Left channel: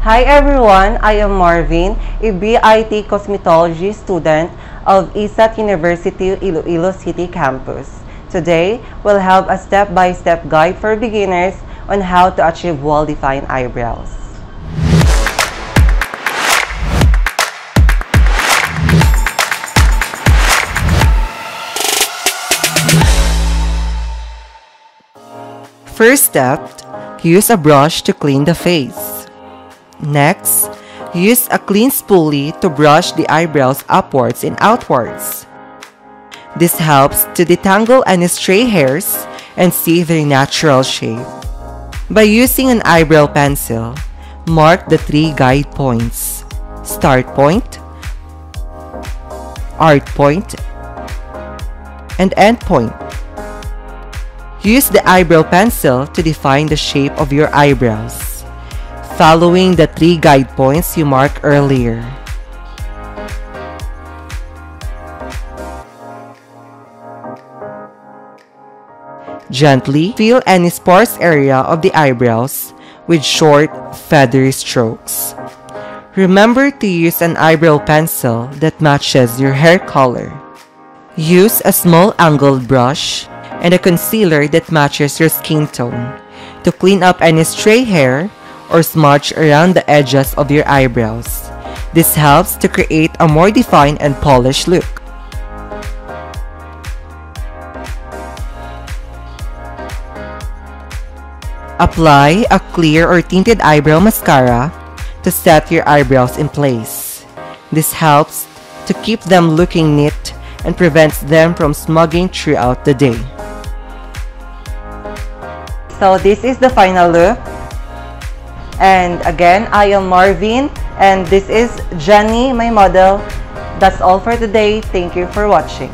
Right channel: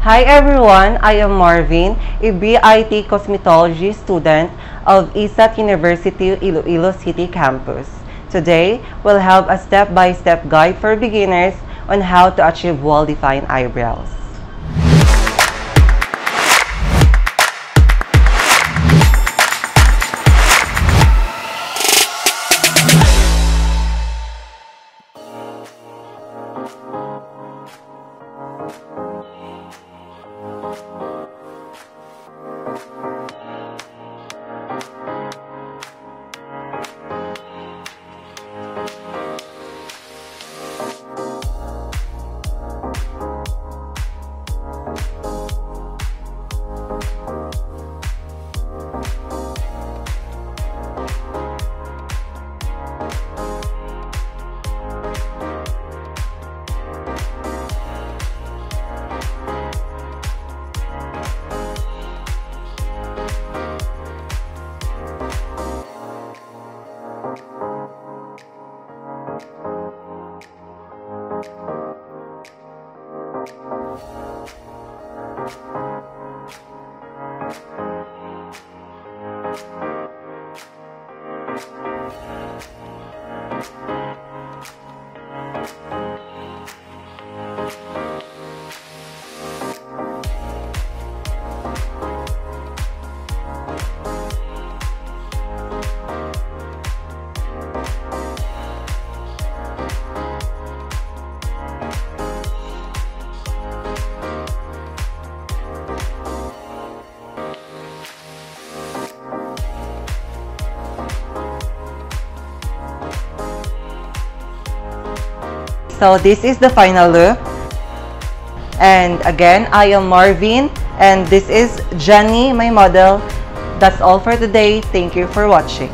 Hi everyone, I am Marvin, a BIT Cosmetology student of ISAT University Iloilo City campus. Today, we'll have a step-by-step guide for beginners on how to achieve well-defined eyebrows. First step, use a brush to clean the face. Next, use a clean spoolie to brush the eyebrows upwards and outwards. This helps to detangle any stray hairs and see their natural shape. By using an eyebrow pencil, mark the 3 guide points: start point, arc point, and end point. Use the eyebrow pencil to define the shape of your eyebrows, following the 3 guide points you marked earlier. Gently fill any sparse area of the eyebrows with short, feathery strokes. Remember to use an eyebrow pencil that matches your hair color. Use a small angled brush and a concealer that matches your skin tone to clean up any stray hair or smudge around the edges of your eyebrows. This helps to create a more defined and polished look. Apply a clear or tinted eyebrow mascara to set your eyebrows in place. This helps to keep them looking neat and prevents them from smugging throughout the day. So this is the final look. And again, I am Marvin and this is Jenny, my model. That's all for today. Thank you for watching.